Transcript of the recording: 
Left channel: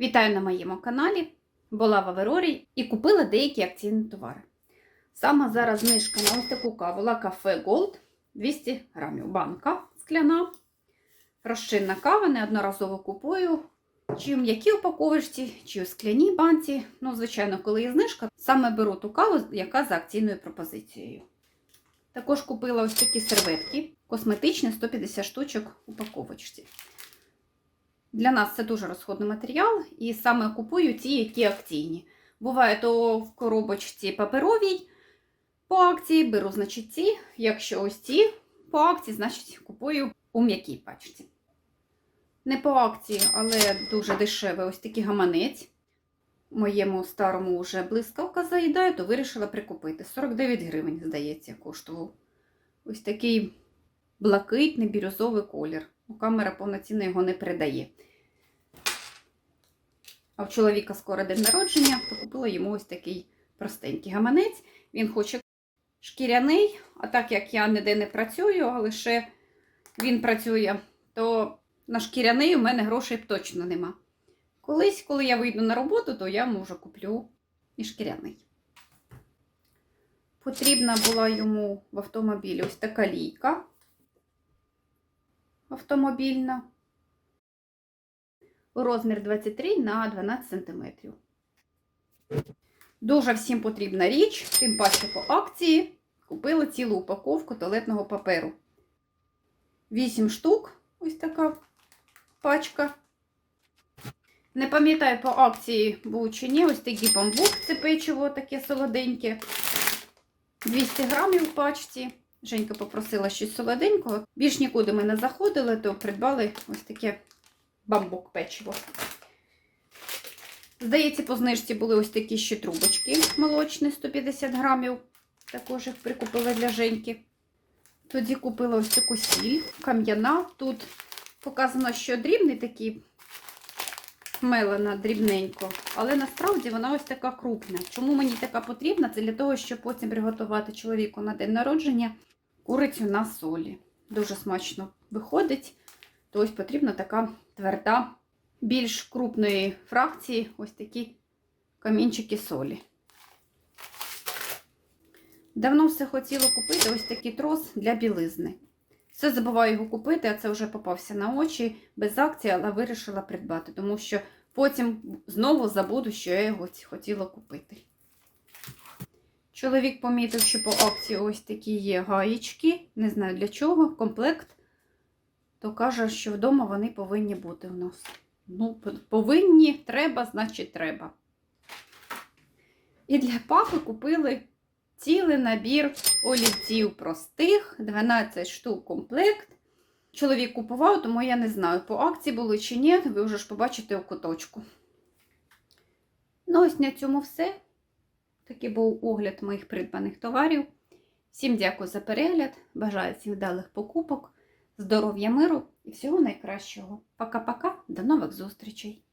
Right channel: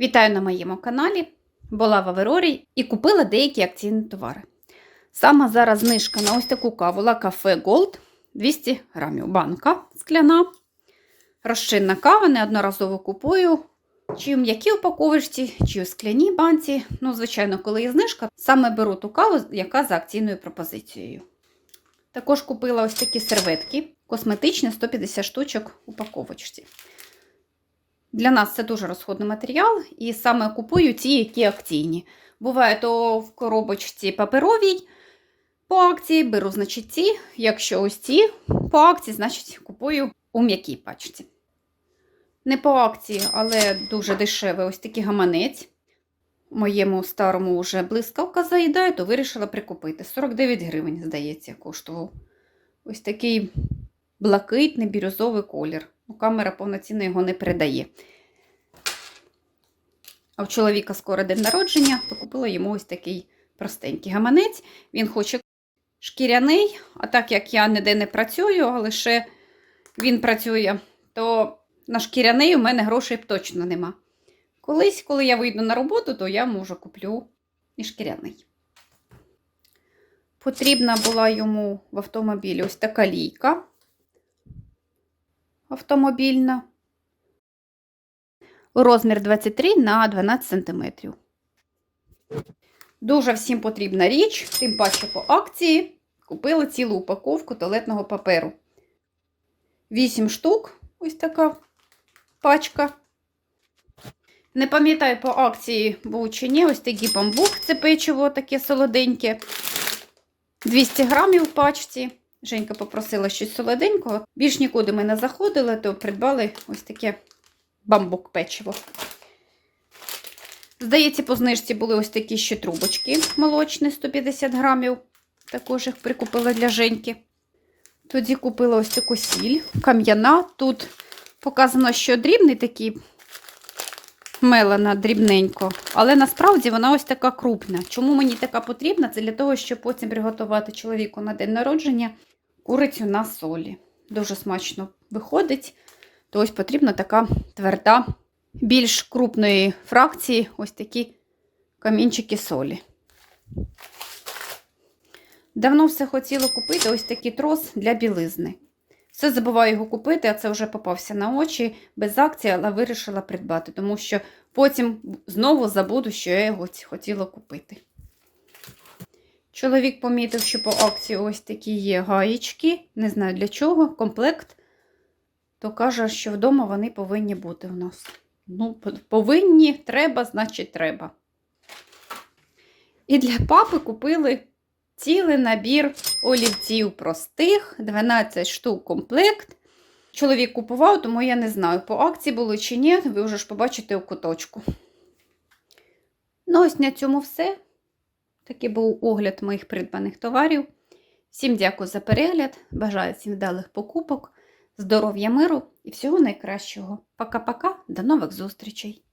Вітаю на моєму каналі. Була в Аверорі і купила деякі акційні товари. Саме зараз знижка на ось таку каву La Cafe Gold 200 грамів. Банка скляна. Розчинна кава, неодноразово купую. Чи в м'якій упаковочці, чи у скляній банці. Ну, звичайно, коли є знижка, саме беру ту каву, яка за акційною пропозицією. Також купила ось такі серветки, косметичні 150 штучок упаковочці. Для нас це дуже розходний матеріал, і саме купую ті, які акційні. Буває то в коробочці паперовій по акції, беру, значить, ці. Якщо ось ці по акції, значить купую у м'якій пачці. Не по акції, але дуже дешевий ось такий гаманець. Моєму старому вже блискавка заїдає, то вирішила прикупити. 49 гривень, здається, коштував. Ось такий блакитний бірюзовий колір. Ну, Камера повноцінно його не передає. А в чоловіка скоро день народження, то купила йому ось такий простенький гаманець. Він хоче шкіряний, а так як я ніде не працюю, а лише він працює, то на шкіряний у мене грошей точно нема. Колись, коли я вийду на роботу, то я може куплю і шкіряний. Потрібна була йому в автомобілі ось така лійка автомобільна. Розмір 23 на 12 см. Дуже всім потрібна річ, тим паче по акції купила цілу упаковку туалетного паперу. 8 штук, ось така пачка. Не пам'ятаю по акції був чи ні, ось такий бамбук, це печиво таке солоденьке. 200 грамів в пачці. Женька попросила щось солоденького. Більш нікуди ми не заходили, то придбали ось таке бамбук печиво. Здається, по знижці були ось такі ще трубочки молочні, 150 грамів. Також їх прикупила для Женьки. Тоді купила ось таку сіль, кам'яна. Тут показано, що дрібний такий мелена дрібненько, але насправді вона ось така крупна. Чому мені така потрібна? Це для того, щоб потім приготувати чоловіку на день народження курицю на солі. Дуже смачно виходить. То ось потрібна така тверда, більш крупної фракції, ось такі камінчики солі. Давно все хотіла купити ось такий трос для білизни. Все забуваю його купити, а це вже попався на очі без акції, але вирішила придбати, тому що потім знову забуду, що я його хотіла купити. Чоловік помітив, що по акції ось такі є гаєчки, не знаю для чого, комплект, то каже, що вдома вони повинні бути у нас. Ну, повинні, треба, значить, треба. І для папи купили цілий набір олівців простих, 12 штук комплект. Чоловік купував, тому я не знаю, по акції були чи ні, ви вже ж побачите у куточку. Ну, ось на цьому все. Такий був огляд моїх придбаних товарів. Всім дякую за перегляд. Бажаю всім вдалих покупок, здоров'я миру і всього найкращого. Пока-пока, до нових зустрічей!